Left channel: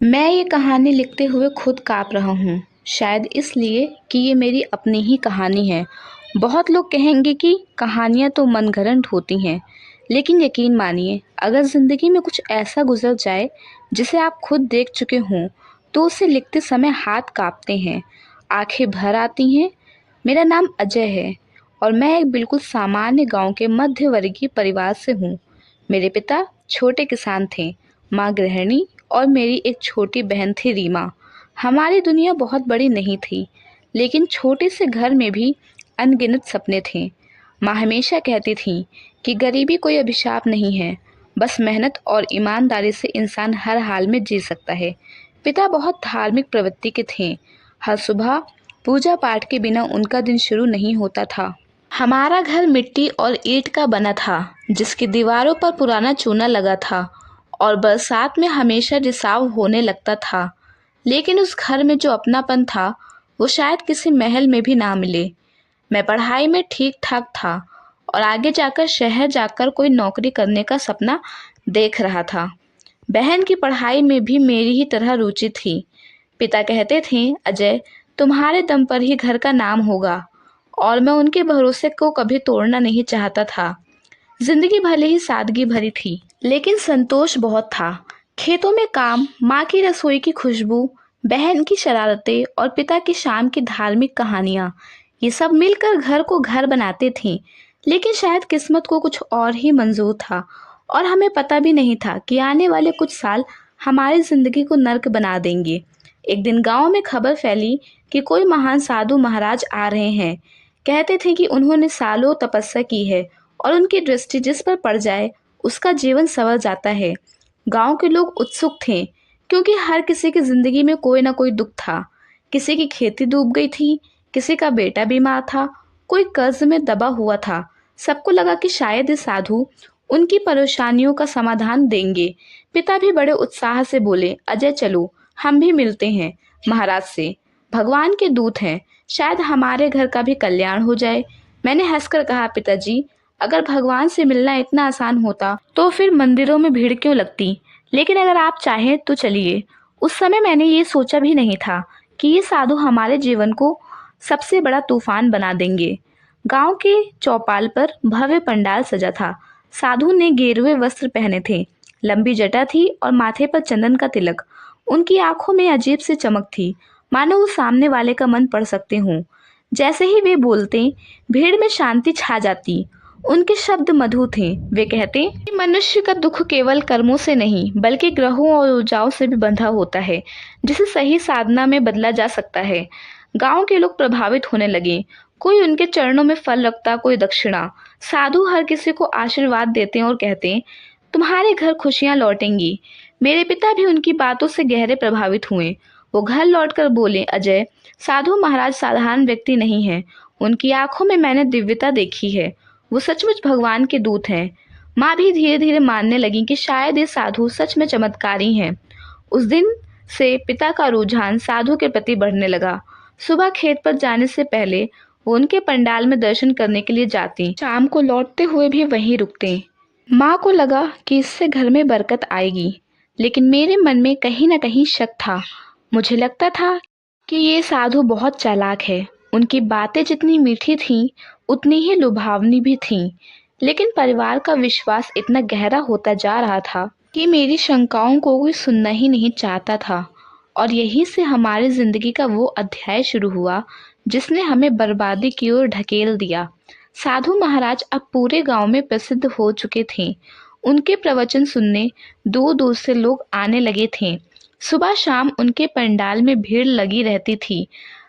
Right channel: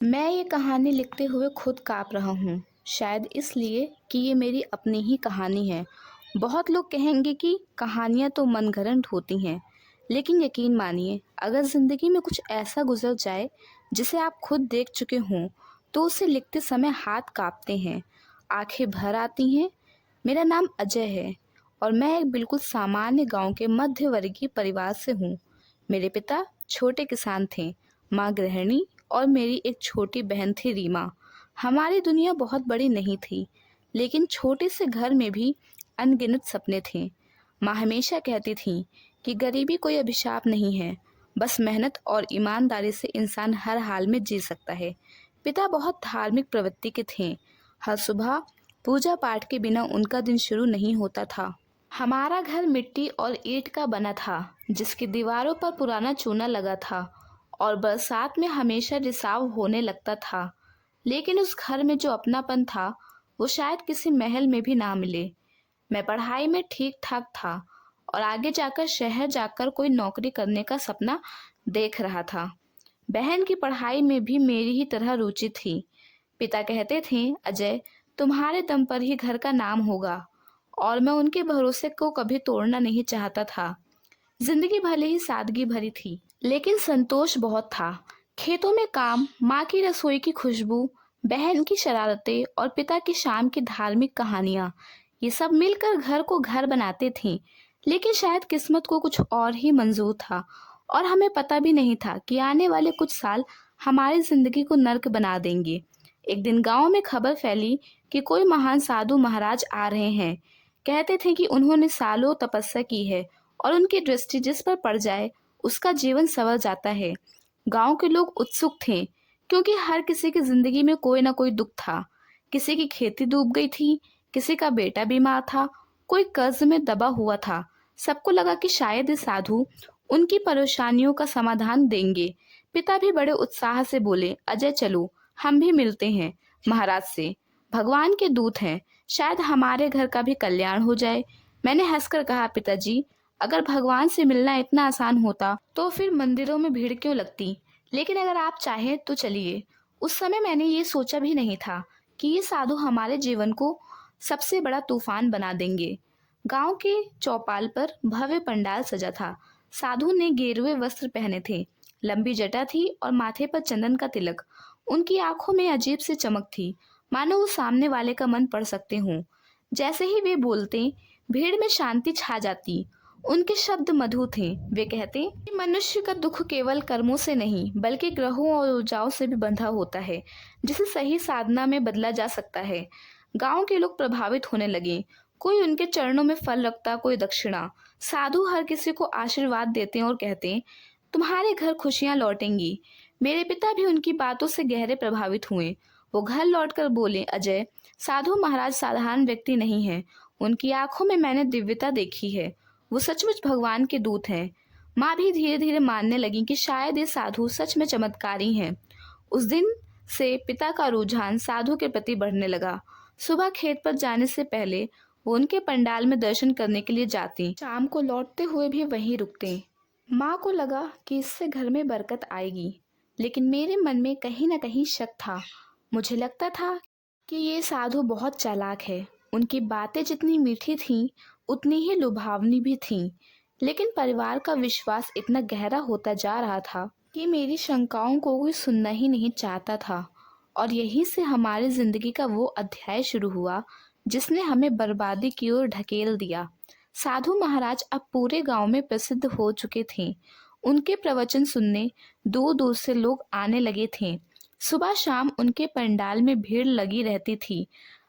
मैं ये कहानी लिखते हुए खुद काँप रहा हूँ, शायद इसलिए कि ये मेरी अपनी ही कहानी है। बहुत लोग कहेंगे कि कहानियाँ तो मनगढ़ंत होती हैं, लेकिन यकीन मानिए, अगर ज़िंदगी में कुछ ऐसा गुज़र जाए, जिसे आप खुद देख चुके हों, तो उसे लिखते समय हाथ काँपते हैं, आँखें भर आती हैं। मेरा नाम अजय है और मैं एक बिल्कुल सामान्य गाँव के मध्यवर्गीय परिवार से हूँ। मेरे पिता छोटे किसान थे, माँ गृहिणी और मेरी एक छोटी बहन थी रीमा। हमारी दुनिया बहुत बड़ी नहीं थी, लेकिन छोटे से घर में भी अनगिनत सपने थे। माँ हमेशा कहती थी कि गरीबी कोई अभिशाप नहीं है, बस मेहनत और ईमानदारी से इंसान हर हाल में जी सकता है। पिता बहुत धार्मिक प्रवृत्ति के थे। हर सुबह पूजा पाठ के बिना उनका दिन शुरू नहीं होता था। हमारा घर मिट्टी और ईंट का बना था, जिसकी दीवारों पर पुराना चूना लगा था और बरसात में हमेशा रिसाव होने लगता था। लेकिन उस घर में जो अपनापन था, वो शायद किसी महल में भी ना मिले। मैं पढ़ाई में ठीक ठाक था और आगे जाकर शहर जाकर कोई नौकरी करने का सपना देख रहा था। बहन की पढ़ाई में भी मेरी ही तरह रुचि थी। पिता कहते थे, अजय, तुम्हारे दम पर ही घर का नाम होगा, और मैं उनके भरोसे को कभी तोड़ना नहीं चाहता था। जिंदगी भले ही सादगी भरी थी, लेकिन संतोष बहुत था। खेतों में काम, माँ की रसोई की खुशबू, बहन की शरारतें और पिता की शाम की धार्मिक कहानियाँ, ये सब मिलकर घर को घर बनाते थे। लेकिन शायद किस्मत को कुछ और ही मंजूर था, और हमें पता भी नहीं था कि आने वाले कुछ साल हमारी जिंदगी को नर्क बना देंगे। एक दिन गांव में खबर फैली कि कोई महान साधु महाराज आ रहे हैं। कहते थे कि उन्होंने सालों तपस्या की है और उनकी दृष्टि जिस पर पड़ जाए, उसका जीवन संवर जाता है। गांव के लोग उत्सुक थे, क्योंकि हर किसी की जिंदगी में कोई ना कोई दुख था। किसी की खेती डूब गई थी, किसी का बेटा बीमार था, कोई कर्ज में दबा हुआ था। सबको लगा कि शायद ये साधु उनकी परेशानियों का समाधान देंगे। पिता भी बड़े उत्साह से बोले, अजय चलो, हम भी मिलते हैं महाराज से। भगवान के दूत हैं, शायद हमारे घर का भी कल्याण हो जाए। मैंने हंसकर कहा, पिताजी, अगर भगवान से मिलना इतना आसान होता तो फिर मंदिरों में भीड़ क्यों लगती? लेकिन अगर आप चाहें तो चलिए। उस समय मैंने ये सोचा भी नहीं था कि ये साधु हमारे जीवन को सबसे बड़ा तूफान बना देंगे। गांव के चौपाल पर भव्य पंडाल सजा था। साधु ने गेरुए वस्त्र पहने थे, लंबी जटा थी और माथे पर चंदन का तिलक। उनकी आंखों में अजीब सी चमक थी, मानो वो सामने वाले का मन पढ़ सकते हों। जैसे ही वे बोलते, भीड़ में शांति छा जाती। उनके शब्द मधुर थे। वे कहते कि मनुष्य का दुख केवल कर्मों से नहीं, बल्कि ग्रहों और ऊर्जाओं से भी बंधा होता है, जिसे सही साधना में बदला जा सकता है। गांव के लोग प्रभावित होने लगे। कोई उनके चरणों में फल रखता, कोई दक्षिणा। साधु हर किसी को आशीर्वाद देते और कहते, तुम्हारे घर खुशियां लौटेंगी। मेरे पिता भी उनकी बातों से गहरे प्रभावित हुए। वो घर लौटकर बोले, अजय, साधु महाराज साधारण व्यक्ति नहीं है। उनकी आंखों में मैंने दिव्यता देखी है। वो सचमुच भगवान के दूत हैं। माँ भी धीरे धीरे मानने लगी कि शायद ये साधु सच में चमत्कारी हैं। उस दिन से पिता का रुझान साधु के प्रति बढ़ने लगा। सुबह खेत पर जाने से पहले वो उनके पंडाल में दर्शन करने के लिए जाती, शाम को लौटते हुए भी वहीं रुकते। माँ को लगा कि इससे घर में बरकत आएगी, लेकिन मेरे मन में कहीं ना कहीं शक था। मुझे लगता था कि ये साधु बहुत चालाक है। उनकी बातें जितनी मीठी थीं, उतनी ही लुभावनी भी थीं। लेकिन परिवार का विश्वास इतना गहरा होता जा रहा था कि मेरी शंकाओं को कोई सुनना ही नहीं चाहता था। और यहीं से हमारी जिंदगी का वो अध्याय शुरू हुआ, जिसने हमें बर्बादी की ओर ढकेल दिया। साधु महाराज अब पूरे गांव में प्रसिद्ध हो चुके थे। उनके प्रवचन सुनने दूर दूर से लोग आने लगे थे। सुबह शाम उनके पंडाल में भीड़ लगी रहती थी।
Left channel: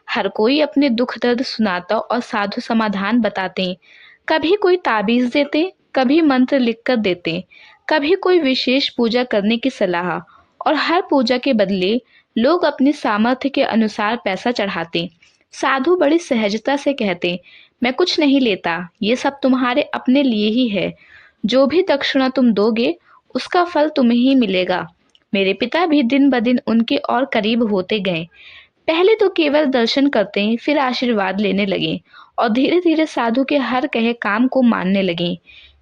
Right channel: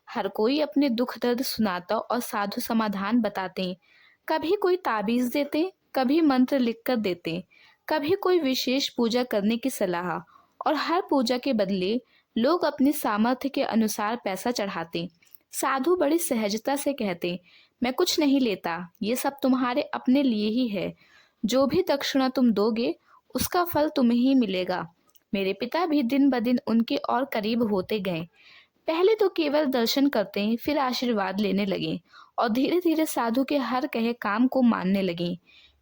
हर कोई अपने दुख दर्द सुनाता और साधु समाधान बताते। कभी कोई ताबीज देते, कभी मंत्र लिख कर देते, कभी कोई विशेष पूजा करने की सलाह। और हर पूजा के बदले लोग अपनी सामर्थ्य के अनुसार पैसा चढ़ाते। साधु बड़ी सहजता से कहते, मैं कुछ नहीं लेता, ये सब तुम्हारे अपने लिए ही है। जो भी दक्षिणा तुम दोगे, उसका फल तुम्हें ही मिलेगा। मेरे पिता भी दिन ब दिन उनके और करीब होते गए। पहले तो केवल दर्शन करते, फिर आशीर्वाद लेने लगे और धीरे धीरे साधु के हर कहे काम को मानने लगे।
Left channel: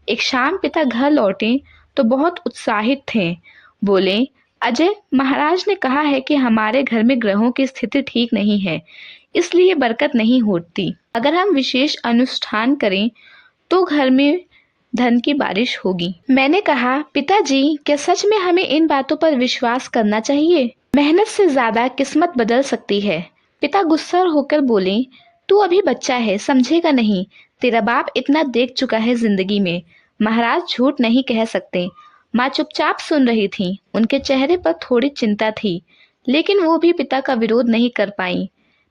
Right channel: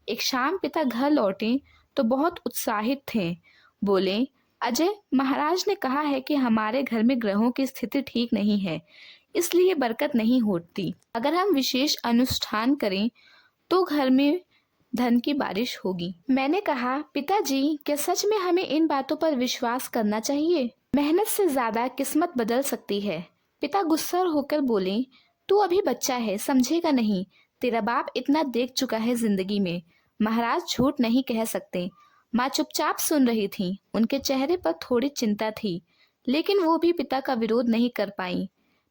एक शाम पिता घर लौटे तो बहुत उत्साहित थे। बोले, अजय, महाराज ने कहा है कि हमारे घर में ग्रहों की स्थिति ठीक नहीं है, इसलिए बरकत नहीं होती। अगर हम विशेष अनुष्ठान करें तो घर में धन की बारिश होगी। मैंने कहा, पिताजी, क्या सच में हमें इन बातों पर विश्वास करना चाहिए? मेहनत से ज्यादा किस्मत बदल सकती है। पिता गुस्सा होकर बोले, तू अभी बच्चा है, समझेगा नहीं। तेरा बाप इतना देख चुका है जिंदगी में। महाराज झूठ नहीं कह सकते। माँ चुपचाप सुन रही थी। उनके चेहरे पर थोड़ी चिंता थी, लेकिन वो भी पिता का विरोध नहीं कर पाई।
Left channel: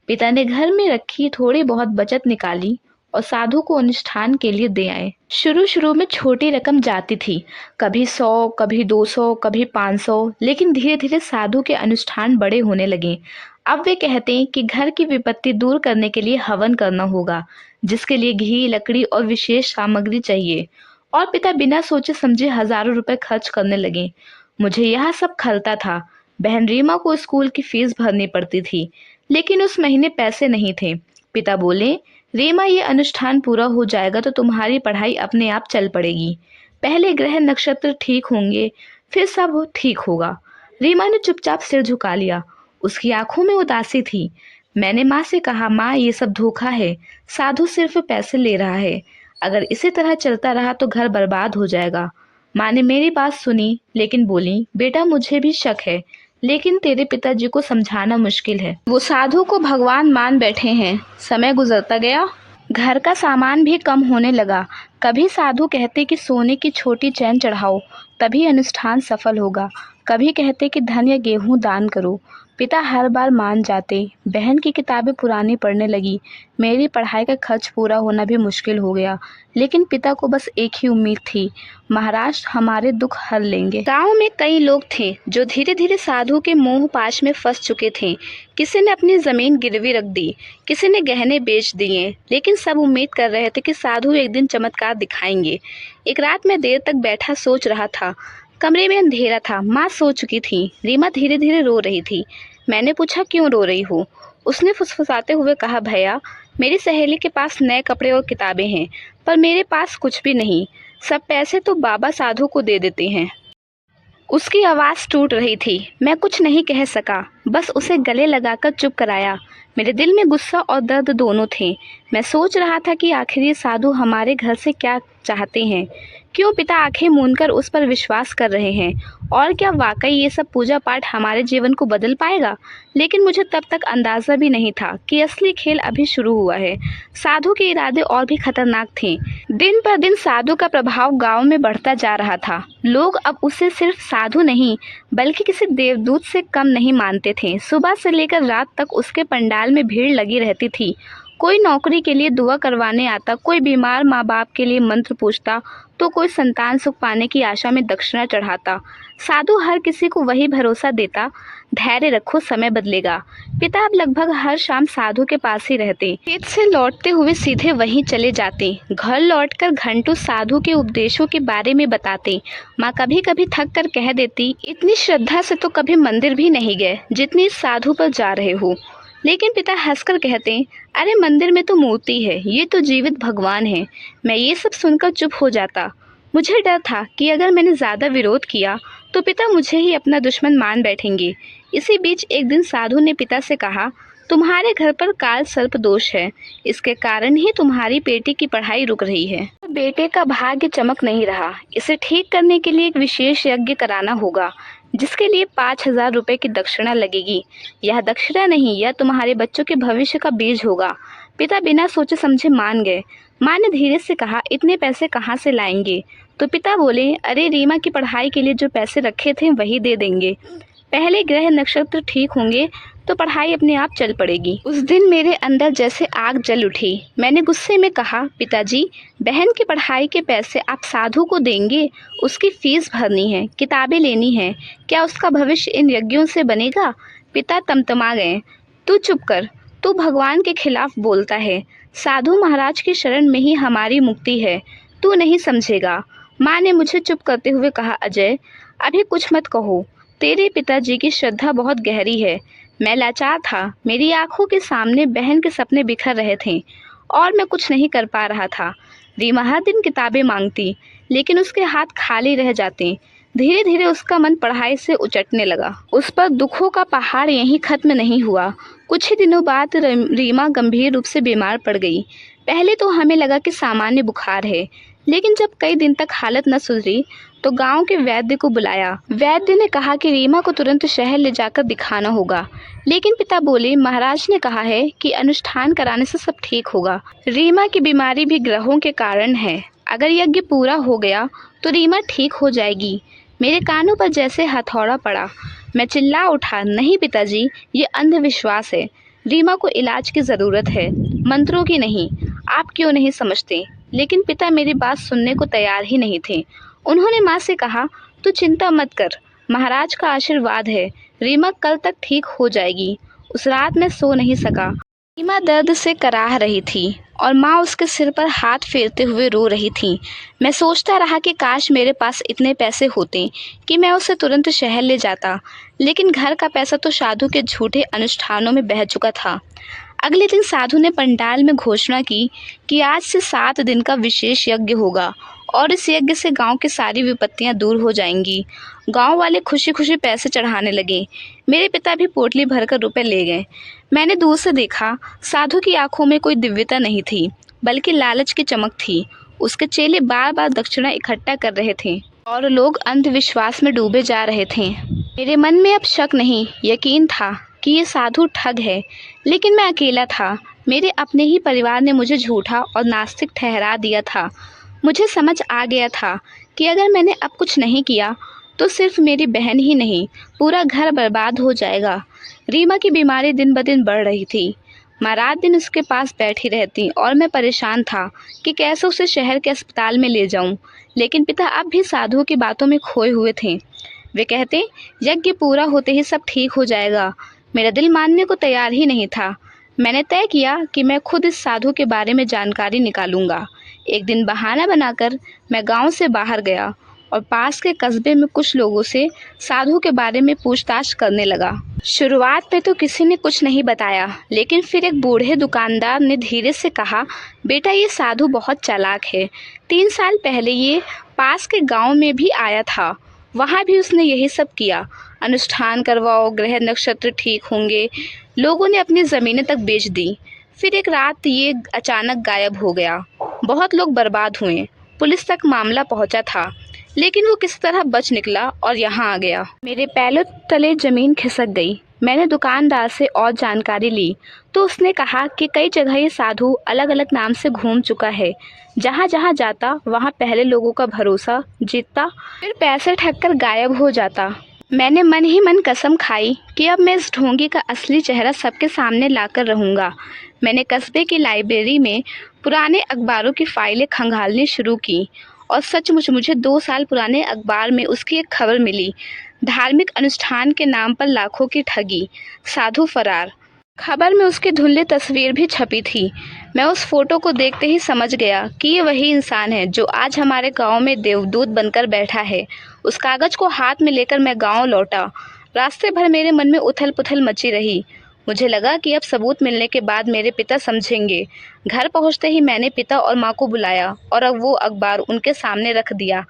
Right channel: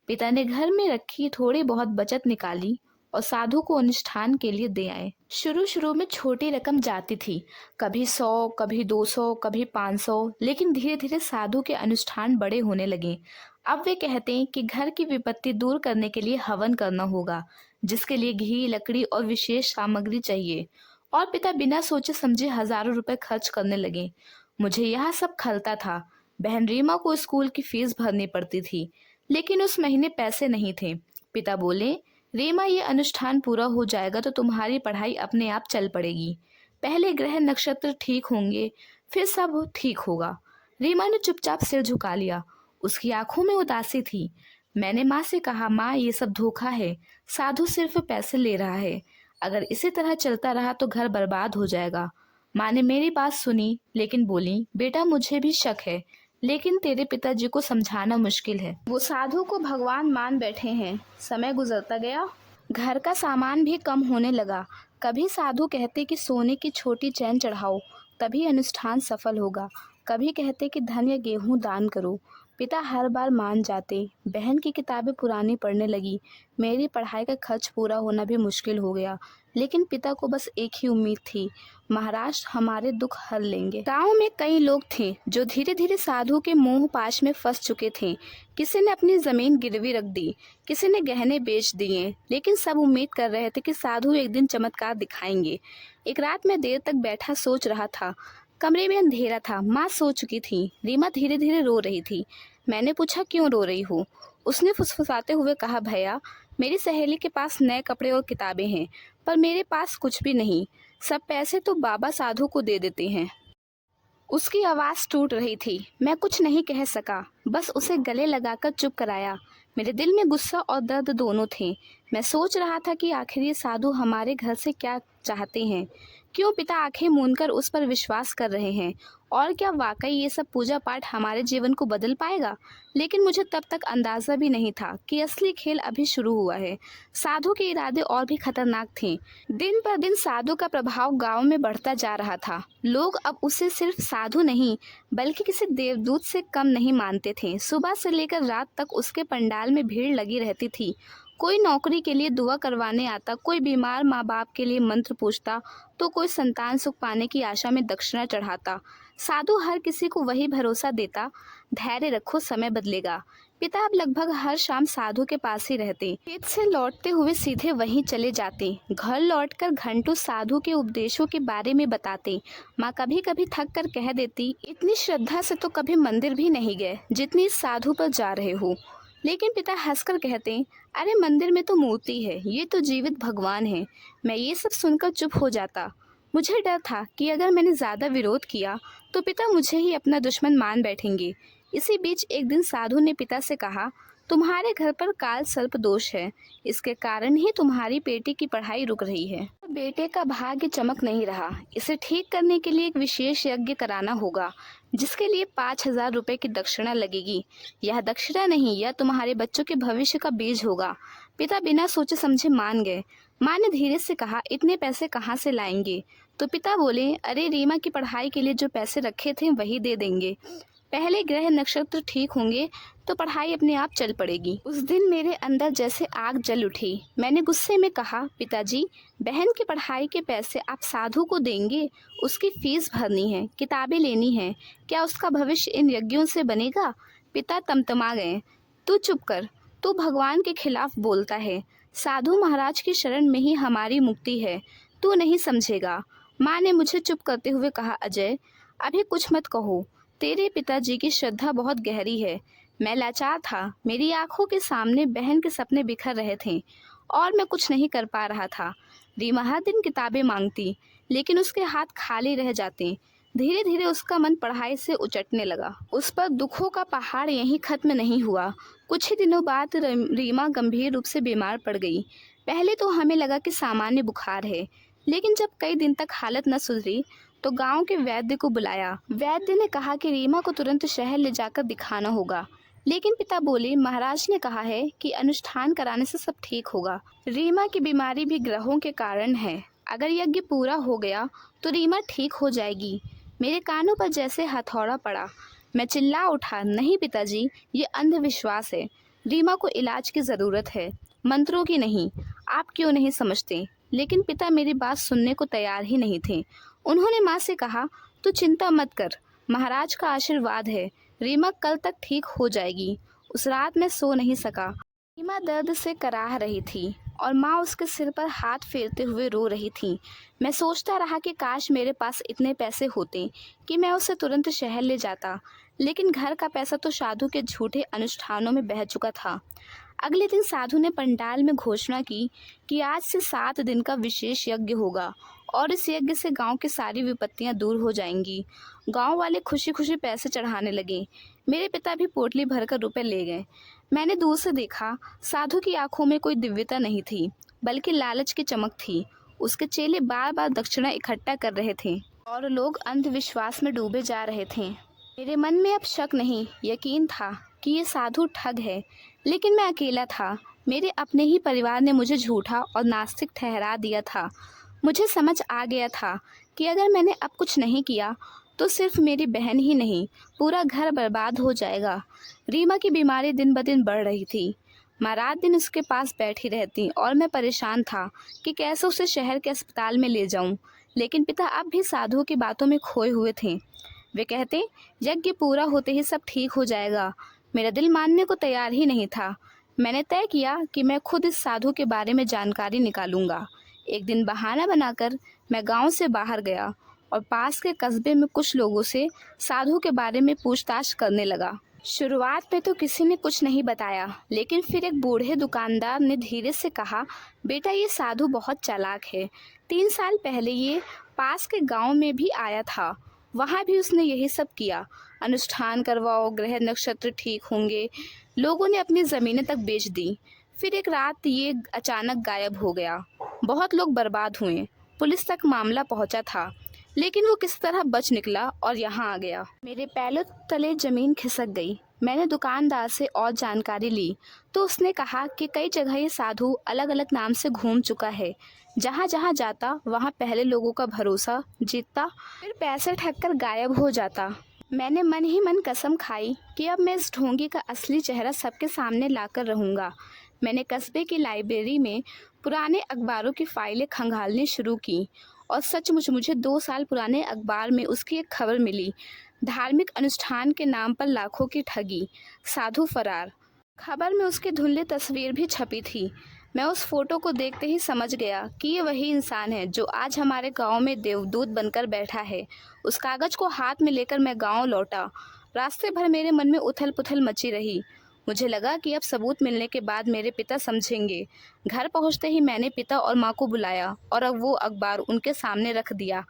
पिता ने घर में रखी थोड़ी बहुत बचत निकाली और साधु को अनुष्ठान के लिए दे आए। शुरू शुरू में छोटी रकम जाती थी, कभी 100, कभी 200, कभी 500, लेकिन धीरे धीरे साधु के अनुष्ठान बड़े होने लगे। अब वे कहते हैं कि घर की विपत्ति दूर करने के लिए हवन करना होगा, जिसके लिए घी, लकड़ी और विशेष सामग्री चाहिए। और पिता बिना सोचे समझे हजारों रुपए खर्च करने लगे। मुझे यह सब खलता था। बहन रीमा को स्कूल की फीस भरनी पड़ती थी, लेकिन उस महीने पैसे नहीं थे। पिता बोले, रीमा, ये अनुष्ठान पूरा हो जाएगा तो तुम्हारी पढ़ाई अपने आप चल पड़ेगी। पहले ग्रह नक्षत्र ठीक होंगे, फिर सब ठीक होगा। रीमा ने चुपचाप सिर झुका लिया। उसकी आंखों में उदासी थी। मैंने माँ से कहा, माँ, ये सब धोखा है। साधु सिर्फ पैसे ले रहा है। अगर इसी तरह चलता रहा तो घर बर्बाद हो जाएगा। माँ ने मेरी बात सुनी, लेकिन बोली, बेटा, मुझे भी शक है, लेकिन तेरे पिताजी को समझाना मुश्किल है। वो साधु को भगवान मान बैठे हैं। समय गुजरता गया, घर का सामान भी कम होने लगा। कभी साधु कहते कि सोने की छोटी चैन चढ़ाओ, तभी अनुष्ठान सफल होगा। कभी कहते कि धन या गेहूं दान करो। पिता हर बार मान जाते। बहन की किताबें पुरानी पढ़ने लगी। मेरी पढ़ाई का खर्च पूरा होना भी मुश्किल हो गया। लेकिन पिता को बस एक ही उम्मीद थी, महाराज हमारे दुख हर लेंगे। गांव में कई लोग थे जो धीरे धीरे साधु के मोह पाश में फंस चुके थे। किसी ने अपनी जमीन गिरवी रख दी, किसी ने गहने बेच दिए, लेकिन सब उम्मीद कर रहे थे कि साधु एक दिन चमत्कार दिखाएंगे। एक रात मैं देर तक बैठा सोच रहा था। कमरे में अंधेरा था। माँ सो चुकी थी। रीमा धीरे धीरे रो रही थी। मैंने पूछा, क्यों रो रही हो? उसने फुसफुसाते हुए कहा, भैया, मेरी सहेली के पास नए कपड़े और किताबें हैं, पर मेरे पास कुछ भी नहीं। सब पैसे तो बाबा साधु को दे देते हैं। उसकी आवाज़ टूट रही थी। मैं कुछ नहीं कह सका, बस उसे गले लगाकर चुप कराया। मेरे दिल में गुस्सा और दर्द दोनों थे। मैं सोच रहा था कि आखिर ये साधु हमारे घर से क्या चाहते हैं। क्यों पिता आंखें मूंदकर उस पर विश्वास कर रहे हैं? और क्या वाकई ये सब पूजा पाठ हमारे जीवन को बदल पाएगा? लेकिन मुझे तब तक अंदाज़ा भी नहीं था कि असली खेल अभी शुरू हुआ है। साधु के इरादे और भी खतरनाक थे। दिन पर दिन साधु का प्रभाव गांव में बढ़ता जा रहा था। लोग अब उसे सिर्फ साधु नहीं, बल्कि किसी देवदूत से कम नहीं मानते थे। सुबह से लेकर रात तक उसके पंडाल में भीड़ लगी रहती थी। कोई नौकरी के लिए दुआ करवाने आता, कोई बीमार माँ बाप के लिए मंत्र पूछता, तो कोई संतान सुख पाने की आशा में दक्षिणा चढ़ाता। साधु हर किसी को वही भरोसा देता, धैर्य रखो, समय बदलेगा। पिता अब लगभग हर शाम साधु के पास ही रहते। खेत से लौटते हुए सीधे वहीं चले जाते। घर लौटकर घंटों साधु के उपदेशों के बारे में बताते। माँ कभी कभी थक कर कह देती, इतनी श्रद्धा से तो कभी मंदिर भी नहीं गए जितनी इस साधु पर जा रहे हो। लेकिन पिता हंसकर कहते, अरे मंदिर में तो मूर्ति है, ये तो जीवित भगवान है। मैं ये सब सुनकर चुप हो जाता। मुझे डर था कि अगर मैंने ज़्यादा विरोध किया तो पिता मुझे ही अपना दुश्मन मान बैठेंगे। इसी बीच एक दिन साधु ने पिता से कहा, तुम्हारे घर पर काल सर्प दोष है, इसके कारण ही तुम्हारी बेटी की पढ़ाई रुक रही है। बेटे का भाग्य चमक नहीं रहा। इसे ठीक करने के लिए एक विशेष यज्ञ कराना होगा, जिसके लिए 5,000 रुपये की दक्षिणा लगेगी। यह दक्षिणा नहीं, यह तुम्हारे बच्चों के भविष्य का बीज होगा। पिता बिना सोचे समझे मान गए। माँ ने धीरे से कहा, इतने पैसे कहाँ से लाएंगे? तो पिता बोले, अरे रीमा की पढ़ाई के लिए जो पैसे रखे थे वही दे देंगे। पहले ग्रह नक्षत्र ठीक होंगे तो पढ़ाई अपने आप चल पड़ेगी। उस दिन मेरे अंदर जैसे आग जल उठी। मैंने गुस्से में कहा, पिताजी, बहन की पढ़ाई के पैसे आप साधु को देंगे? उसकी फीस भरनी है, किताबें लेनी है। क्या उसका भविष्य इन यज्ञों से बनेगा? पिता तमतमा गए। तू चुप कर, तू भगवान के खिलाफ बोलता है। साधु महाराज की शरण में ही हमारी मुक्ति है, तू नहीं समझेगा। माँ ने मुझे चुप करते हुए कहा, अजय, अभी कुछ मत कहो। तेरे पिताजी की श्रद्धा बहुत गहरी है। मैं लाचार था। मेरी आंखों के सामने बहन के सपने बिखर रहे थे और मैं कुछ नहीं कर पा रहा था। रीमा हर दिन किताबें मांगती, लेकिन उसके हाथ खाली रह जाते। धीरे धीरे उसका मन पढ़ाई से उचटने लगा। उस पर दुखों का पहाड़ यहीं खत्म नहीं हुआ। कुछ ही दिनों बाद रीमा गंभीर रूप से बीमार पड़ गई। पहले तो हमें लगा कि सामान्य बुखार है, लेकिन जब कई दिन तक हालत न सुधरी तो गांव के वैद्य को बुलाया। वैद्य ने कहा कि रीमा को तुरंत शहर ले जाकर दिखाना होगा, लेकिन पिता बोले महाराज ने कहा है कि अनुष्ठान कराने से सब ठीक होगा। रीमा की बीमारी भी ग्रहों के कारण है। अगर यज्ञ पूरा हो गया तो रीमा ठीक हो जाएगी। मेरे कानों पर जैसे हथौड़ा पड़ा। मैं चिल्ला उठा, नहीं पिताजी, ये अंधविश्वास है। रीमा को इलाज की ज़रूरत है, मंत्रों की नहीं। आप क्यों नहीं समझते? लेकिन पिता मेरी बात सुनने को तैयार ही नहीं थे। उन्होंने माँ से कहा, तू चिंता मत कर, महाराज का आशीर्वाद है, रीमा कल तक ठीक हो जाएगी। उस रात मैं सो नहीं सका। रीमा दर्द से कराह रही थी और माँ उसके सिर पर हाथ फेरते हुए रो रही थी। मैं सोचता रहा कि काश मेरे पास इतने पैसे होते कि मैं उसे तुरंत शहर ले जाता, लेकिन घर का पैसा तो साधु के झूठे अनुष्ठानों में बह चुका था। अगले दिन साधु ने पंडाल में घोषणा की कि आज से 7 दिन का विशेष यज्ञ होगा और इस यज्ञ से गांव की सारी विपत्तियां दूर हो जाएंगी। गांव वाले खुशी खुशी पैसे चढ़ाने लगे। मेरे पिता भी पोटली भरकर रुपए ले गए। मैंने दूर से देखा, साधु की आंखों में कोई दिव्यता नहीं थी, बल्कि लालच की चमक थी। उसके चेले बार बार दक्षिणा इकट्ठा कर रहे थे और लोग अंधविश्वास में डूबे जा रहे थे। मेरे मन में अब शक नहीं, यकीन था कि ये साधु ठग है, लेकिन मैं अकेला था। मेरे अपने ही परिवार ने मुझे झूठा और नास्तिक ठहरा दिया था। मुझे समझ आ गया था कि अगर मैंने अब कुछ नहीं किया तो सिर्फ मेरी बहन ही नहीं, पूरा घर बर्बाद हो जाएगा। रीमा की बीमारी दिन ब दिन बढ़ रही थी। माँ रात दिन उसके पास बैठी रहती और मैं परेशान था कि कैसे उसे शहर के अस्पताल में ले जाऊं। लेकिन पिता अब भी साधुओं की बातों में खोए हुए थे। वे कहते, यज्ञ पूरा होते ही सब ठीक हो जाएगा। मेरा दिल मानने को तैयार ही नहीं था। मैंने तय किया कि मैं खुद इस साधु के बारे में जानकारी निकालूंगा। एक दिन बहाना बनाकर मैं गांव से बाहर गया और पास के कस्बे में कुछ लोगों से साधु के बारे में पूछताछ करने लगा। शुरुआत में तो किसी ने कुछ नहीं बताया, लेकिन फिर एक बूढ़े दुकानदार ने धीरे से कहा, बेटा ये साधु बहुत चालाक है। 3 साल पहले ये पास के गांव में भी आया था, वहाँ भी उसने यही सब किया। अनुष्ठान करवाओ, ग्रह नक्षत्र ठीक होंगे। लोगों ने अपनी ज़मीनें तक बेच दी। फिर एक रात ये अचानक गायब हो गया। बहुत लोग बर्बाद हुए। पुलिस तक मामला पहुंचा था, लेकिन वो किस तरह बच निकला और यहाँ आ गया। मेरे पैरों तले ज़मीन खिसक गई। मैंने दुकानदार से और जानकारी ली तो उसने कहा कि कई जगह ये साधु अलग अलग नाम से घूम चुका है। जहाँ जहाँ जाता वहाँ पहले लोगों का भरोसा जीतता, फिर पैसे ठग कर गायब हो जाता। मैंने मन ही मन कसम खाई कि अब मैं इस ढोंगी का असली चेहरा सबके सामने लाकर रहूँगा। मैंने कस्बे की लाइब्रेरी में पुराने अखबारों की फाइलें खंगालनी शुरू की और सचमुच मुझे 2 साल पुराने अखबार में उसकी एक खबर मिली। धार्मिक अनुष्ठान के नाम पर लाखों की ठगी, साधु फरार। खबर में उसकी धुंधली तस्वीर भी छपी थी। मैं उस फोटो को देखते ही समझ गया कि ये वही इंसान है जो आज हमारे गांव में देवदूत बनकर बैठा है। उस कागज़ को हाथ में लेकर मैं गांव लौटा। रास्ते भर मेरे मन में उथल पुथल मची रही। मुझे लगा कि अब सबूत मिलने के बाद मेरे पिता समझेंगे। घर पहुंचते ही मैंने पिता और माँ को बुलाया और अब वो अखबार उनके सामने रख दिया।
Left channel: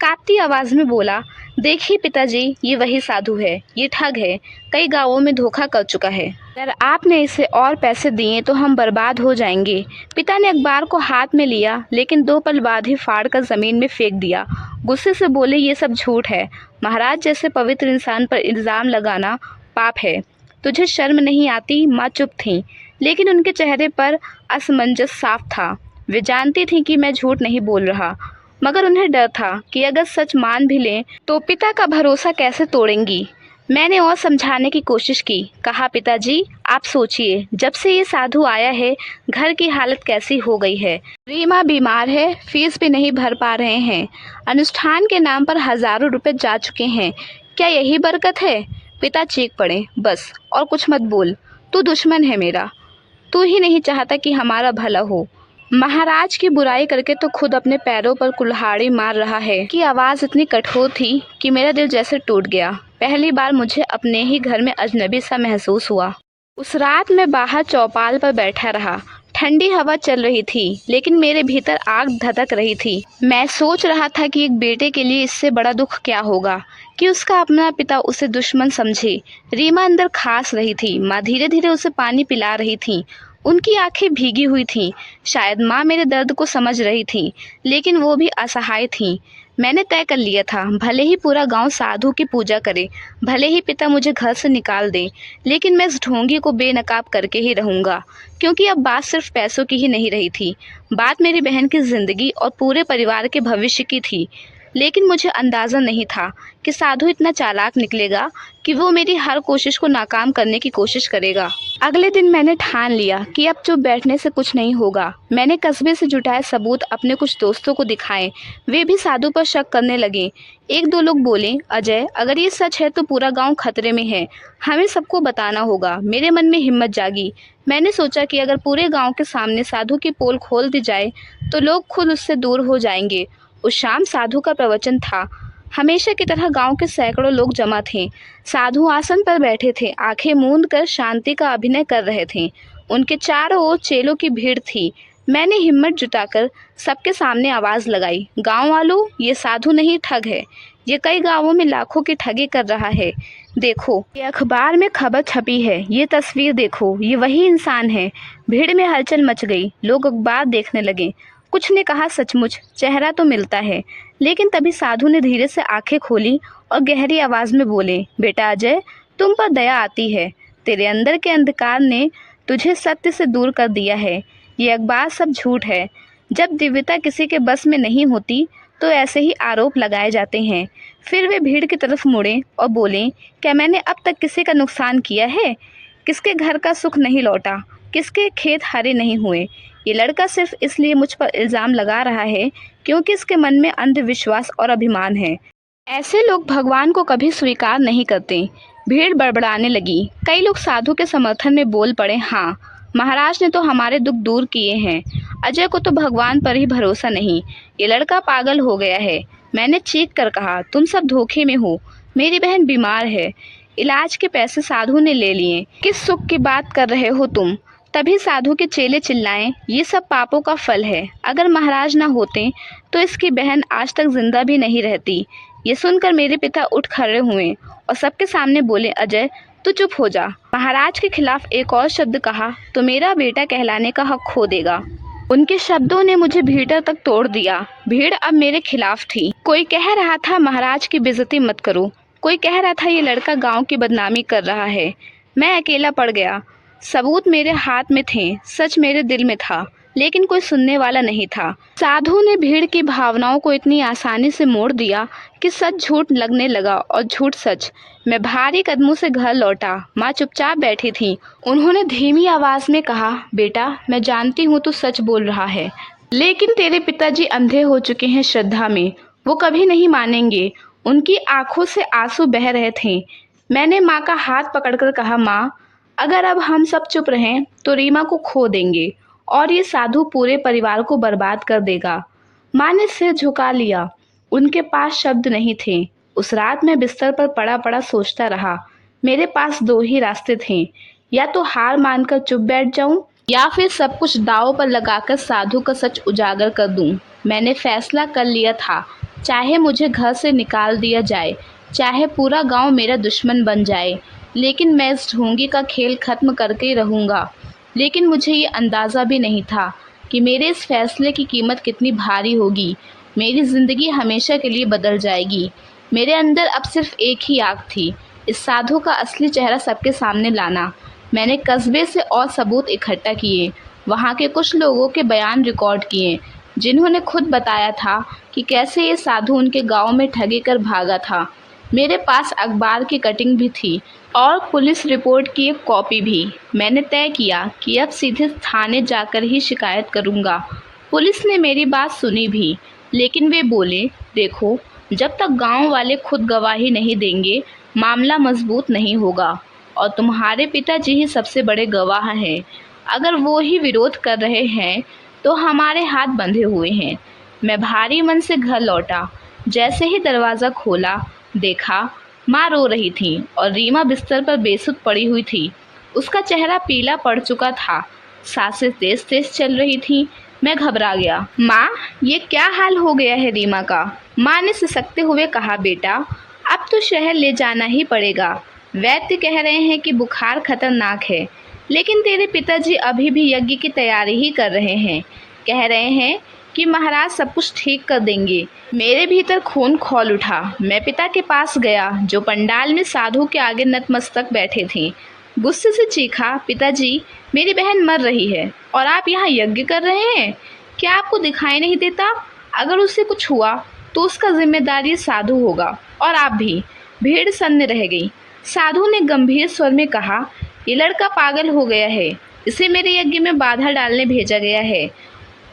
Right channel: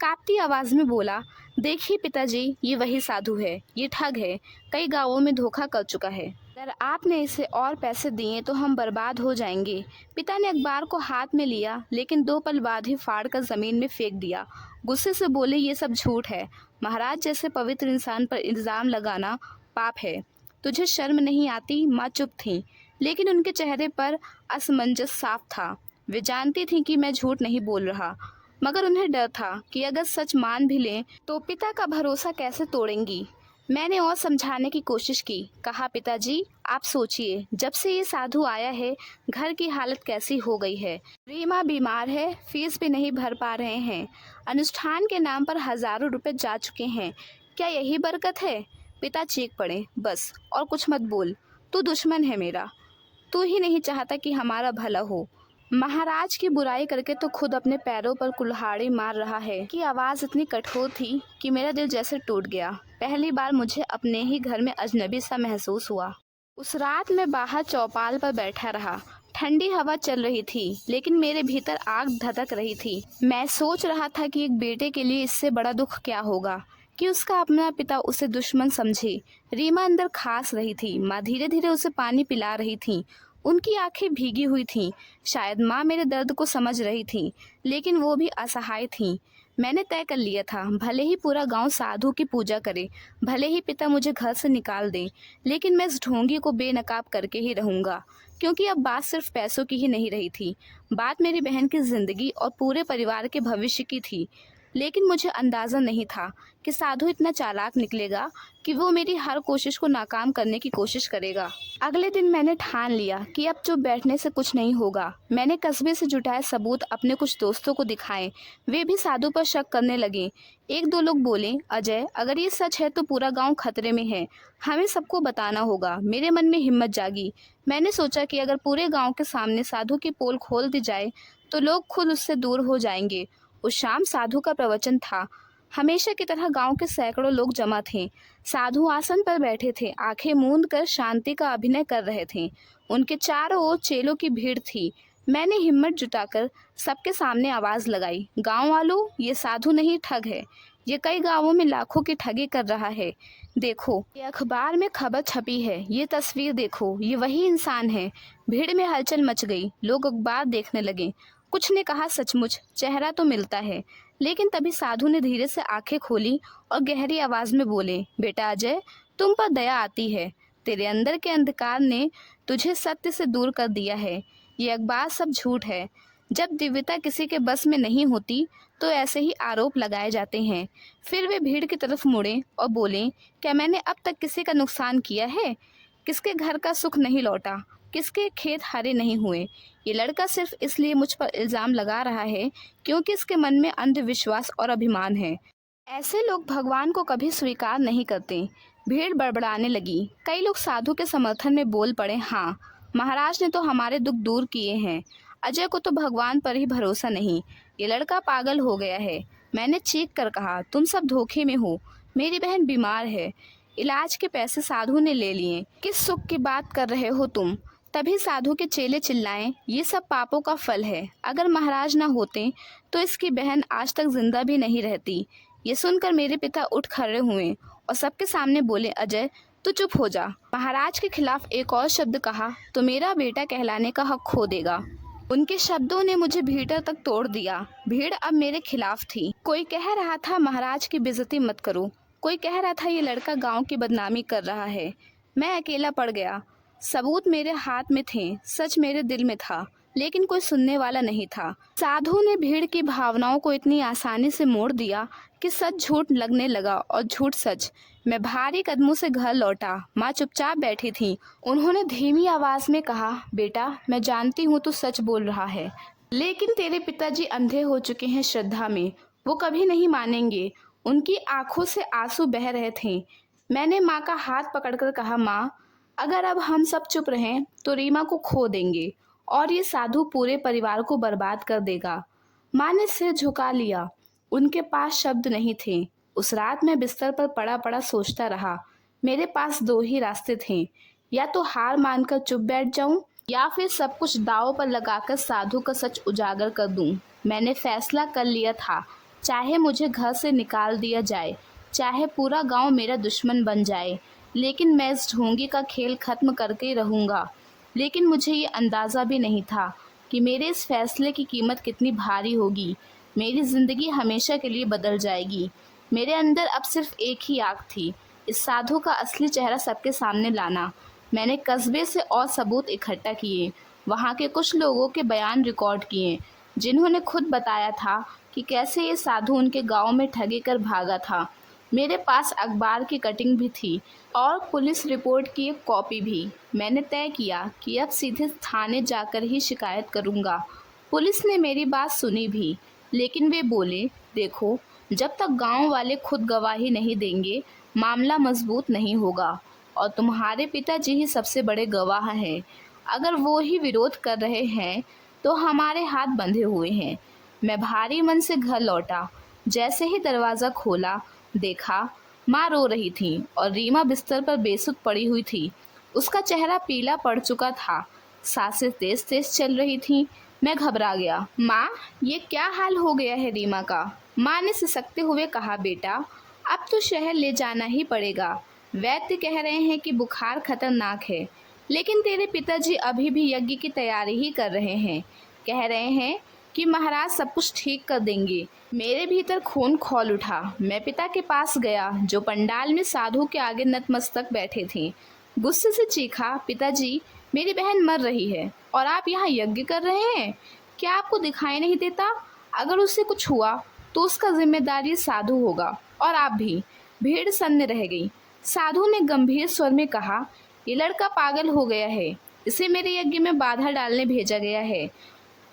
कांपती आवाज़ में बोला, देखिए पिताजी, ये वही साधु है, ये ठग है, कई गांवों में धोखा कर चुका है। अगर आपने इसे और पैसे दिए तो हम बर्बाद हो जाएंगे। पिता ने अखबार को हाथ में लिया, लेकिन 2 पल बाद ही फाड़ कर ज़मीन में फेंक दिया। गुस्से से बोले, ये सब झूठ है। महाराज जैसे पवित्र इंसान पर इल्ज़ाम लगाना पाप है। तुझे शर्म नहीं आती? माँ चुप थी, लेकिन उनके चेहरे पर असमंजस साफ था। वे जानती थीं कि मैं झूठ नहीं बोल रहा, मगर उन्हें डर था कि अगर सच मान भी लें तो पिता का भरोसा कैसे तोड़ेंगी। मैंने और समझाने की कोशिश की। कहा, पिताजी आप सोचिए, जब से ये साधु आया है घर की हालत कैसी हो गई है। रीमा बीमार है, फीस भी नहीं भर पा रहे हैं, अनुष्ठान के नाम पर हज़ारों रुपए जा चुके हैं। क्या यही बरकत है? पिता चीख पड़े, बस और कुछ मत बोल, तू दुश्मन है मेरा, तू ही नहीं चाहता कि हमारा भला हो। महाराज की बुराई करके तो खुद अपने पैरों पर कुल्हाड़ी मार रहा है। कि आवाज़ इतनी कठोर थी कि मेरा दिल जैसे टूट गया। पहली बार मुझे अपने ही घर में अजनबी सा महसूस हुआ। उस रात मैं बाहर चौपाल पर बैठा रहा। ठंडी हवा चल रही थी, लेकिन मेरे भीतर आग धधक रही थी। मैं सोच रहा था कि एक बेटे के लिए इससे बड़ा दुख क्या होगा कि उसका अपना पिता उसे दुश्मन समझे। रीमा अंदर खास रही थी। माँ धीरे धीरे उसे पानी पिला रही थी। उनकी आंखें भीगी हुई थीं। शायद माँ मेरे दर्द को समझ रही थी, लेकिन वो भी असहाय थी। मैंने तय कर लिया था, भले ही पूरा गांव साधु की पूजा करे, भले ही पिता मुझे घर से निकाल दे, लेकिन मैं इस ढोंगी को बेनकाब करके ही रहूँगा। क्योंकि अब बात सिर्फ पैसों की ही नहीं रही थी, बात मेरी बहन की ज़िंदगी और पूरे परिवार के भविष्य की थी। लेकिन मुझे अंदाज़ा नहीं था कि साधु इतना चालाक निकलेगा कि वो मेरी हर कोशिश को नाकाम करने की कोशिश करेगा। अगले दिन मैंने ठान लिया कि अब चुप बैठने से कुछ नहीं होगा। मैंने कस्बे से जुटाए सबूत अपने कुछ दोस्तों को दिखाए। वे भी साधु पर शक करने लगे। एक दो लोग बोले, अजय, अगर ये सच है तो पूरा गांव खतरे में है, हमें सबको बताना होगा। मेरे मन में हिम्मत जागी। मैंने सोचा कि अगर पूरे गांव के सामने साधु की पोल खोल दी जाए तो लोग खुद उससे दूर हो जाएंगे। उस शाम साधु का प्रवचन था। हमेशा की तरह गांव के सैकड़ों लोग जमा थे। साधु आसन पर बैठे थे, आंखें मूंद कर शांति का अभिनय कर रहे थे। उनके चारों ओर चेलों की भीड़ थी। मैंने हिम्मत जुटाकर सबके सामने आवाज़ लगाई, गांव वालों, ये साधु नहीं, ठग है। ये कई गांवों में लाखों की ठगी कर रहा है। देखो, ये अखबार में खबर छपी है, ये तस्वीर देखो, ये वही इंसान है। भीड़ में हलचल मच गई। लोग अखबार देखने लगे। कुछ ने कहा, सचमुच चेहरा तो मिलता है। लेकिन तभी साधु ने धीरे से आंखें खोली और गहरी आवाज़ में बोले, बेटा अजय, तुम पर दया आती है। तेरे अंदर के अंधकार ने तुझे सत्य से दूर कर दिया है। ये अखबार सब झूठ है। जब दिव्यता किसी के बस में नहीं होती तो ऐसे ही आरोप लगाए जाते हैं। फिर वे भीड़ की तरफ मुड़े और बोले, क्या मैंने अब तक किसी का नुकसान किया है? किसके घर का सुख नहीं लौटा? किसके खेत हरे नहीं हुए? ये लड़का सिर्फ इसलिए मुझ पर इल्ज़ाम लगा रहा है क्योंकि इसके मन में अंधविश्वास और अभिमान है। ऐसे लोग भगवान को कभी स्वीकार नहीं करते। भीड़ बड़बड़ाने लगी। कई लोग साधु के समर्थन में बोल पड़े, हाँ, महाराज ने तो हमारे दुख दूर किए हैं। अजय को तो भगवान पर ही भरोसा नहीं, ये लड़का पागल हो गया है। मैंने चीख कर कहा, तुम सब धोखे में हो। मेरी बहन बीमार है, इलाज के पैसे साधु ने ले लिए। किस सुख की बात कर रहे हो तुम? तभी साधु के चेले चिल्लाएं, ये सब पापों का फल है। अगर महाराज ना होते तो इसकी बहन आज तक जिंदा भी नहीं रहती। ये सुनकर मेरे पिता उठ खड़े हुए और सबके सामने बोले, अजय, तू चुप हो जा। महाराज के खिलाफ एक और शब्द कहा तो मेरा बेटा कहलाने का हक खो देगा। उनके शब्दों ने मुझे भीतर तक तोड़ दिया। भीड़ अब मेरे खिलाफ थी। कोई कह रहा था, महाराज की बेइज्जती मत करो। कोई कह रहा था, ये लड़का गांव की बदनामी कर रहा है। मैं अकेला पड़ गया। सबूत मेरे हाथ में थे, सच मेरे दिल में था, लेकिन कोई सुनने वाला नहीं था। साधु ने भीड़ की भावनाओं को इतनी आसानी से मोड़ दिया कि सच झूठ लगने लगा और झूठ सच। मैं भारी कदमों से घर लौटा। माँ चुपचाप बैठी थी। उन्होंने धीमी आवाज़ में कहा, बेटा, मैं जानती हूँ तू सच बोल रहा है, लेकिन तेरे पिताजी अंधे हो चुके हैं श्रद्धा में। वो कभी नहीं मानेंगे। उनकी आंखों से आंसू बह रहे थे। मैंने माँ का हाथ पकड़कर कहा, माँ, अगर अब हम सब चुप रहें तो रीमा को खो देंगे और ये साधु पूरे परिवार को बर्बाद कर देगा। माँ ने सिर झुका लिया। उनके पास शब्द नहीं थे। उस रात मैं बिस्तर पर पड़ा पड़ा सोचता रहा। मेरे पास दो ही रास्ते थे, या तो हार मानकर चुप बैठ जाऊं या फिर सब कुछ दांव पर लगाकर साधु का सच उजागर कर दूं। मैंने फैसला कर लिया था, चाहे मुझे घर से निकाल दिया जाए, चाहे पूरा गांव मेरा दुश्मन बन जाए, लेकिन मैं इस ढोंगी का खेल खत्म करके ही रहूँगा। लेकिन मुझे ये अंदाज़ा भी नहीं था कि मेरे इस फैसले की कीमत कितनी भारी होगी। मेरी ज़िंदगी हमेशा के लिए बदल जाएगी। मेरे अंदर अब सिर्फ एक ही आग थी, इस साधु का असली चेहरा सबके सामने लाना। मैंने कस्बे से और सबूत इकट्ठा किए। वहाँ के कुछ लोगों के बयान रिकॉर्ड किए, जिन्होंने खुद बताया था कि कैसे ये साधु उनके गांव में ठगी कर भागा था। मेरे पास अखबार की कटिंग भी थी और पुलिस रिपोर्ट की एक कॉपी भी। मैंने तय किया कि अब सीधे थाने जाकर ही शिकायत करूंगा। पुलिस ने मेरी बात सुनी भी, लेकिन वे बोले, देखो, जब तक गांव वाले खुद गवाही नहीं देंगे, मामला मजबूत नहीं होगा और तुम्हारे पिताजी ही सबसे बड़े गवाह हैं। अगर वो ही विरोध कर रहे हैं तो हमारे हाथ बंधे हुए हैं। मैं भारी मन से घर लौटा। जैसे ही दरवाज़ा खोला, देखा माँ रो रही थी और रीमा बिस्तर पर बेसुध पड़ी हुई थी। उसका चेहरा पीला पड़ चुका था। सांसें तेज तेज चल रही थीं। मैं घबरा गया। माँ, ये क्या हाल हो गया है रीमा का? माँ ने सिसकते हुए कहा, बेटा अब तो शहर ले जाना ही पड़ेगा। वैद्य कह रहे हैं कि बुखार खतरनाक है, लेकिन तेरे पिताजी अभी भी यज्ञ की तैयारी ही कर रहे हैं। कह रहे हैं कि महाराज सब कुछ ठीक कर देंगे। मेरे भीतर खून खौल उठा। मैं पिता के पास गया, जो पंडाल में साधु के आगे नतमस्तक बैठे थे। गुस्से से चीखा, पिताजी, मेरी बहन मर रही है और आप यहाँ यज्ञ कर रहे हैं। क्या आपको दिखाई नहीं देता? अगर उससे कुछ हुआ तो उसका जिम्मेदार ये साधु होगा, और आप भी। भीड़ सन्न रह गई। साधु ने गंभीर स्वर में कहा, ये लड़का पागल हो गया है। इसे मेरे यज्ञ में बाधा डालने भेजा गया है।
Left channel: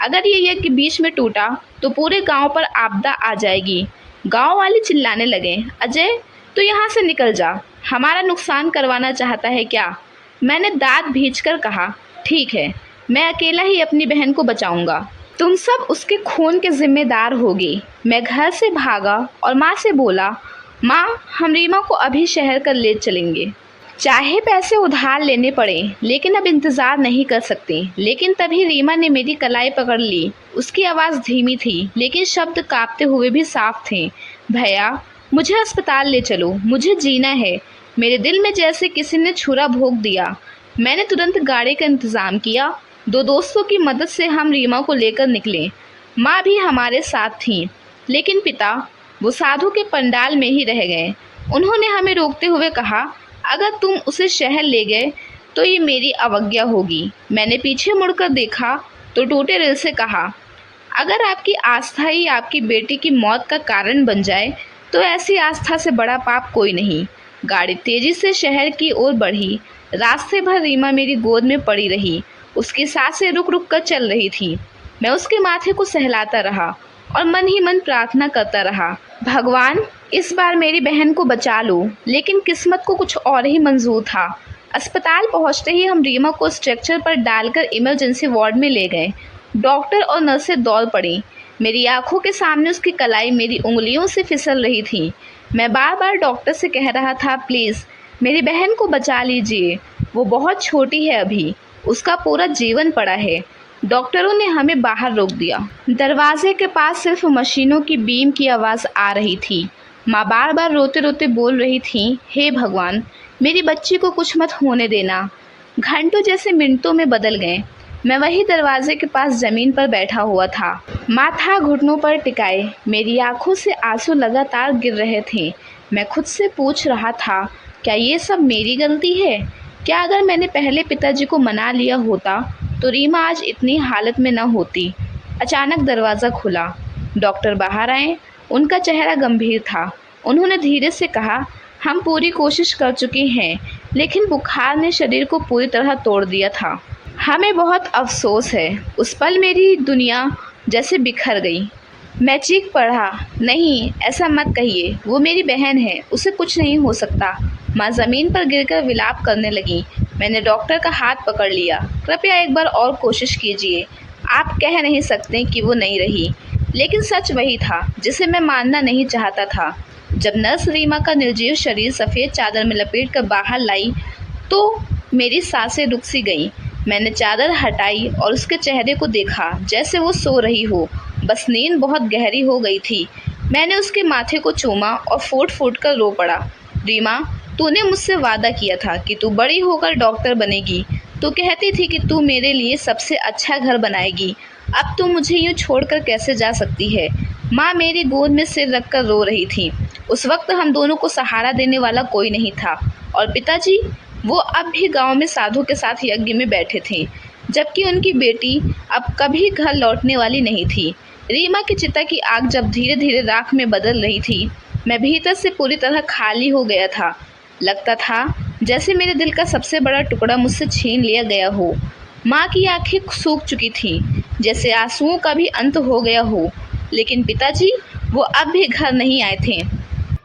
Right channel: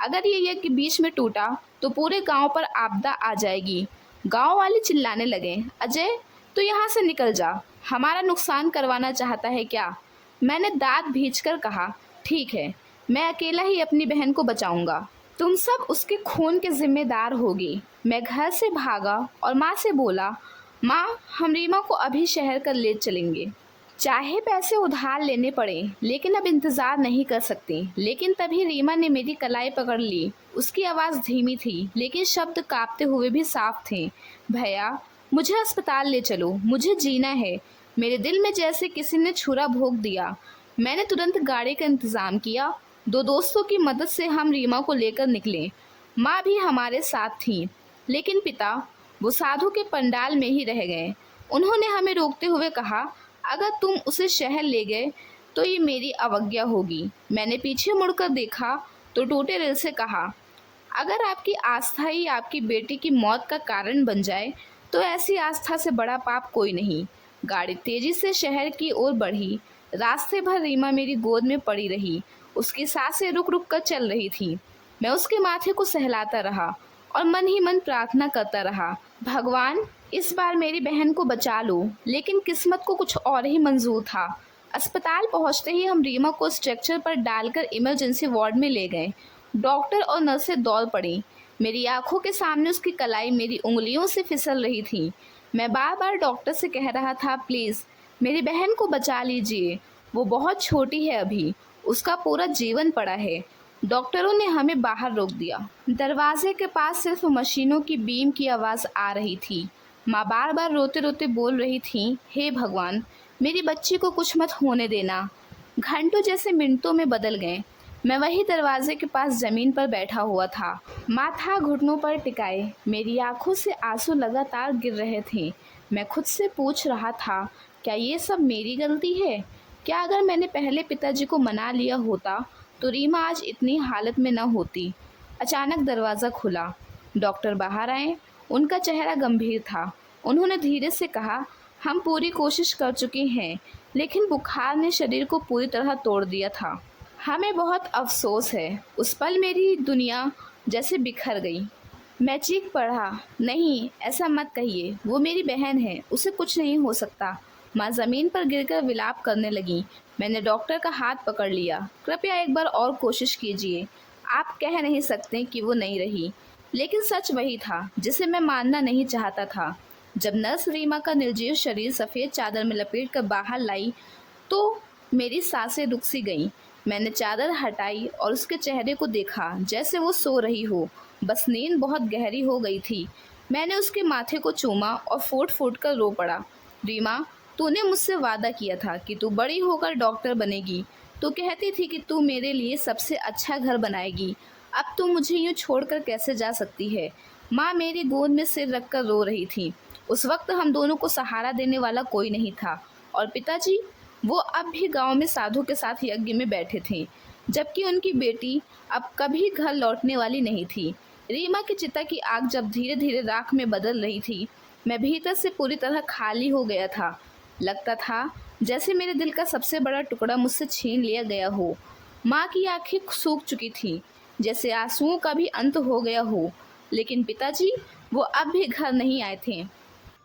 अगर ये यज्ञ बीच में टूटा तो पूरे गांव पर आपदा आ जाएगी। गांव वाले चिल्लाने लगे, अजय, तो यहाँ से निकल जा। हमारा नुकसान करवाना चाहता है क्या? मैंने दांत भींचकर कहा, ठीक है, मैं अकेला ही अपनी बहन को बचाऊंगा। तुम सब उसके खून के जिम्मेदार होगे। मैं घर से भागा और माँ से बोला, माँ, हम रीमा को अभी शहर कर ले चलेंगे, चाहे पैसे उधार लेने पड़े, लेकिन अब इंतज़ार नहीं कर सकते। लेकिन तभी रीमा ने मेरी कलाई पकड़ ली। उसकी आवाज़ धीमी थी, लेकिन शब्द कांपते हुए भी साफ थे। भैया, मुझे अस्पताल ले चलो, मुझे जीना है। मेरे दिल में जैसे किसी ने छुरा भोंक दिया। मैंने तुरंत गाड़ी का इंतज़ाम किया। 2 दोस्तों की मदद से हम रीमा को लेकर निकले। माँ भी हमारे साथ थी, लेकिन पिता वो साधु के पंडाल में ही रह गए। उन्होंने हमें रोकते हुए कहा, अगर तुम उसे शहर ले गए तो ये मेरी अवज्ञा होगी। मैंने पीछे मुड़कर देखा तो टूटे दिल से कहा, अगर आपकी आस्था ही आपकी बेटी की मौत का कारण बन जाए तो ऐसी आस्था से बड़ा पाप कोई नहीं। गाड़ी तेजी से शहर की ओर बढ़ी। रास्ते भर रीमा मेरी गोद में पड़ी रही। उसकी सांसें रुक रुक कर चल रही थी। मैं उसके माथे को सहलाता रहा और मन ही मन प्रार्थना करता रहा, भगवान, इस बार मेरी बहन को बचा लो। लेकिन किस्मत को कुछ और ही मंजूर था। अस्पताल पहुंचते ही हम रीमा को स्ट्रेचर पर डालकर इमरजेंसी वार्ड में ले गए। डॉक्टर और नर्सें दौड़ पड़ी। मेरी आंखों के सामने उसकी कलाई मेरी उंगलियों से फिसल रही थी। मैं बार बार डॉक्टर से कह रहा था, प्लीज़ मेरी बहन को बचा लीजिए, वो बहुत छोटी है अभी, उसका पूरा जीवन पड़ा है। डॉक्टरों ने हमें बाहर रोक दिया। दरवाजे के पास सिर्फ मशीनों की बीम की आवाज़ आ रही थी। माँ बार बार रोते रोते बोल रही थी, हे भगवान, मेरी बच्ची को कुछ मत होने देना। घंटों जैसे मिनटों में बदल गए। मैं वही दरवाजे के पास ज़मीन पर बैठा हुआ था, माथा घुटनों पर टिकाए। मेरी आंखों से आंसू लगातार गिर रहे थे। मैं खुद से पूछ रहा था, क्या ये सब मेरी गलती है? क्या अगर मैंने पहले पिताजी को मना लिया होता तो रीमा आज इतनी हालत में न होती। अचानक दरवाज़ा खुला। डॉक्टर बाहर आए। उनका चेहरा गंभीर था। उन्होंने धीरे से कहा, हम पूरी कोशिश कर चुके हैं, लेकिन बुखार ने शरीर को पूरी तरह तोड़ दिया था। हमें बहुत अफसोस है। उस पल मेरी दुनिया जैसे बिखर गई। मैं चीख पड़ा, नहीं, ऐसा मत कहिए, वो मेरी बहन है, उसे कुछ नहीं हो सकता। माँ ज़मीन पर गिरकर विलाप करने लगी। मैंने डॉक्टर का हाथ पकड़ लिया। कृपया एक बार और कोशिश कीजिए। आप कह नहीं सकते कि वो नहीं रही, लेकिन सच वही था जिसे मैं मानना नहीं चाहता था। जब नर्स रीमा का निर्जीव शरीर सफ़ेद चादर में लपेट कर बाहर लाई तो मेरी सांसें रुक सी गईं। मैंने चादर हटाई और उसके चेहरे को देखा जैसे वो सो रही हो, बस नींद बहुत गहरी हो गई थी। मैंने उसके माथे को चूमा और फूट फूट कर रो पड़ा। रीमा, तूने मुझसे वादा किया था कि तू बड़ी होकर डॉक्टर बनेगी। तू कहती थी कि तू मेरे लिए सबसे अच्छा घर बनाएगी। अब तू मुझे यूँ छोड़कर कैसे जा सकती है? माँ मेरी गोद में सिर रखकर रो रही थी। उस वक्त हम दोनों को सहारा देने वाला कोई नहीं था। और पिताजी, वो अब भी गांव में साधु के साथ यज्ञ में बैठे थे, जबकि उनकी बेटी अब कभी घर लौटने वाली नहीं थी। रीमा की चिता की आग जब धीरे धीरे राख में बदल रही थी, मैं भीतर से पूरी तरह खाली हो गया था। लगता था जैसे मेरे दिल का सबसे बड़ा टुकड़ा मुझसे छीन लिया गया हो। माँ की आंखें सूख चुकी थीं, जैसे आंसुओं का भी अंत हो गया हो। लेकिन पिताजी, वो अब भी घर नहीं आए थे।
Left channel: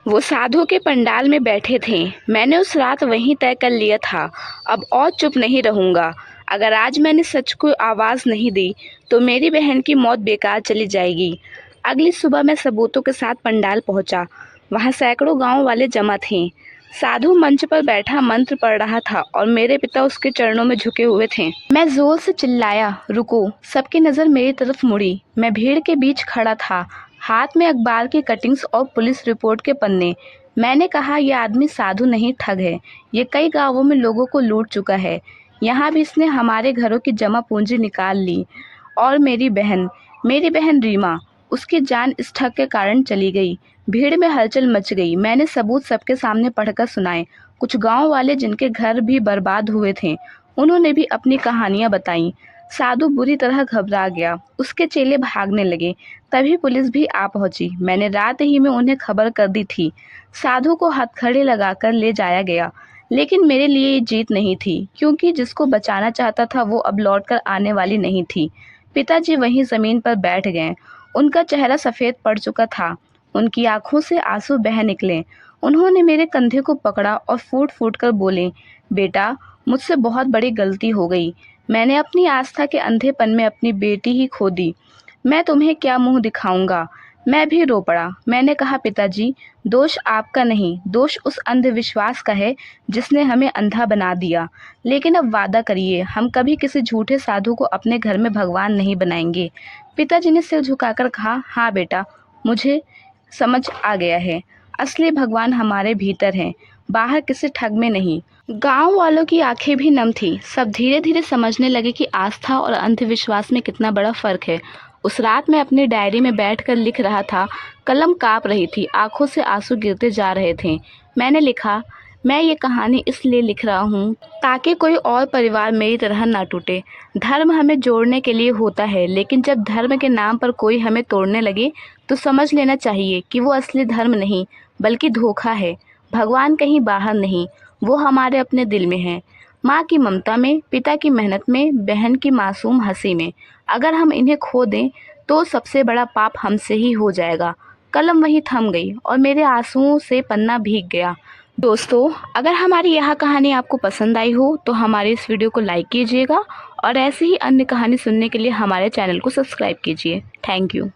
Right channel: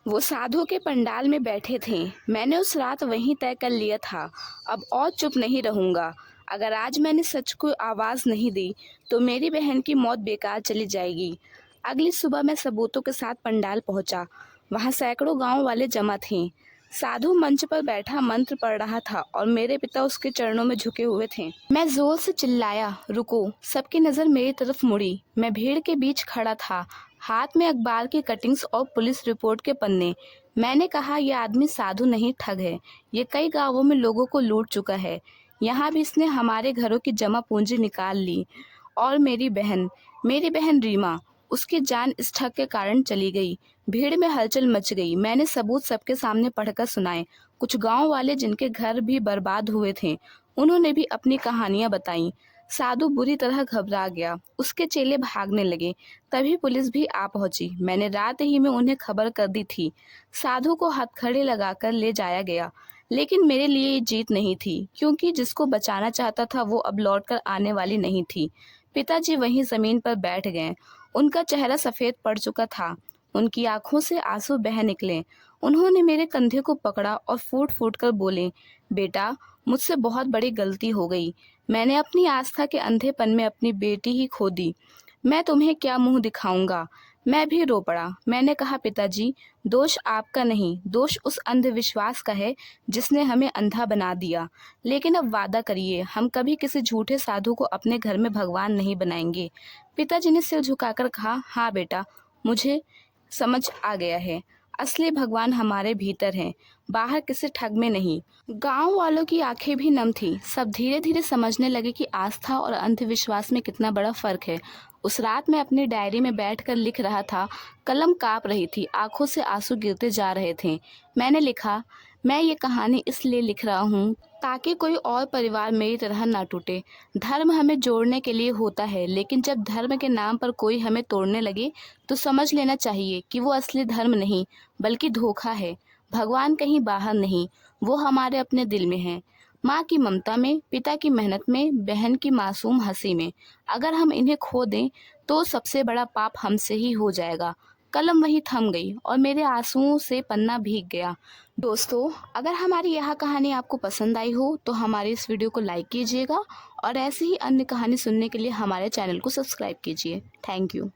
वो साधु के पंडाल में बैठे थे। मैंने उस रात वहीं तय कर लिया था, अब और चुप नहीं रहूँगा। अगर आज मैंने सच को आवाज़ नहीं दी तो मेरी बहन की मौत बेकार चली जाएगी। अगली सुबह मैं सबूतों के साथ पंडाल पहुंचा। वहां सैकड़ों गांव वाले जमा थे। साधु मंच पर बैठा मंत्र पढ़ रहा था और मेरे पिता उसके चरणों में झुके हुए थे। मैं जोर से चिल्लाया, रुको। सबकी नज़र मेरी तरफ मुड़ी। मैं भीड़ के बीच खड़ा था, हाथ में अखबार की कटिंग्स और पुलिस रिपोर्ट के पन्ने। मैंने कहा, यह आदमी साधु नहीं, ठग है। ये कई गांवों में लोगों को लूट चुका है। यहाँ भी इसने हमारे घरों की जमा पूंजी निकाल ली। और मेरी बहन रीमा, उसकी जान इस ठग के कारण चली गई। भीड़ में हलचल मच गई। मैंने सबूत सबके सामने पढ़कर सुनाए। कुछ गांव वाले जिनके घर भी बर्बाद हुए थे, उन्होंने भी अपनी कहानियां बताईं। साधु बुरी तरह घबरा गया। उसके चेले भागने लगे। तभी पुलिस भी आ पहुंची। मैंने रात ही में उन्हें खबर कर दी थी। साधु को हथकड़ी लगाकर ले जाया गया। लेकिन मेरे लिए ये जीत नहीं थी, क्योंकि जिसको बचाना चाहता था वो अब लौटकर आने वाली नहीं थी। पिताजी वहीं जमीन पर बैठ गए। उनका चेहरा सफ़ेद पड़ चुका था। उनकी आंखों से आंसू बह निकले। उन्होंने मेरे कंधे को पकड़ा और फूट फूट कर बोले, बेटा, मुझसे बहुत बड़ी गलती हो गई। मैंने अपनी आस्था के अंधेपन में अपनी बेटी ही खो दी। मैं तुम्हें क्या मुंह दिखाऊंगा। मैं भी रो पड़ा। मैंने कहा, पिताजी, दोष आपका नहीं, दोष उस अंधविश्वास का है जिसने हमें अंधा बना दिया। लेकिन अब वादा करिए, हम कभी किसी झूठे साधु को अपने घर में भगवान नहीं बनाएंगे। पिताजी ने सिर झुकाकर कहा, हाँ बेटा, मुझे समझ आ गया है। असली भगवान हमारे भीतर हैं, बाहर किसी ठग में नहीं। गांव वालों की आंखें भी नम थी। सब धीरे धीरे समझने लगे कि आस्था और अंधविश्वास में कितना बड़ा फर्क है। उस रात मैं अपनी डायरी में बैठकर लिख रहा था। कलम कांप रही थी, आंखों से आंसू गिरते जा रहे थे। मैंने लिखा, मैं ये कहानी इसलिए लिख रहा हूँ ताकि कोई और परिवार मेरी तरह ना टूटे। धर्म हमें जोड़ने के लिए होता है, लेकिन जब धर्म के नाम पर कोई हमें तोड़ने लगे तो समझ लेना चाहिए कि वो असली धर्म नहीं, बल्कि धोखा है। भगवान कहीं बाहर नहीं, वो हमारे अपने दिल में है। माँ की ममता में, पिता की मेहनत में, बहन की मासूम हंसी में। अगर हम इन्हें खो दें तो सबसे बड़ा पाप हमसे ही हो जाएगा। कलम वहीं थम गई और मेरे आंसुओं से पन्ना भीग गया। दोस्तों, अगर हमारी यह कहानी आपको पसंद आई हो तो हमारे इस वीडियो को लाइक कीजिएगा और ऐसे ही अन्य कहानी सुनने के लिए हमारे चैनल को सब्सक्राइब कीजिए। Thank you.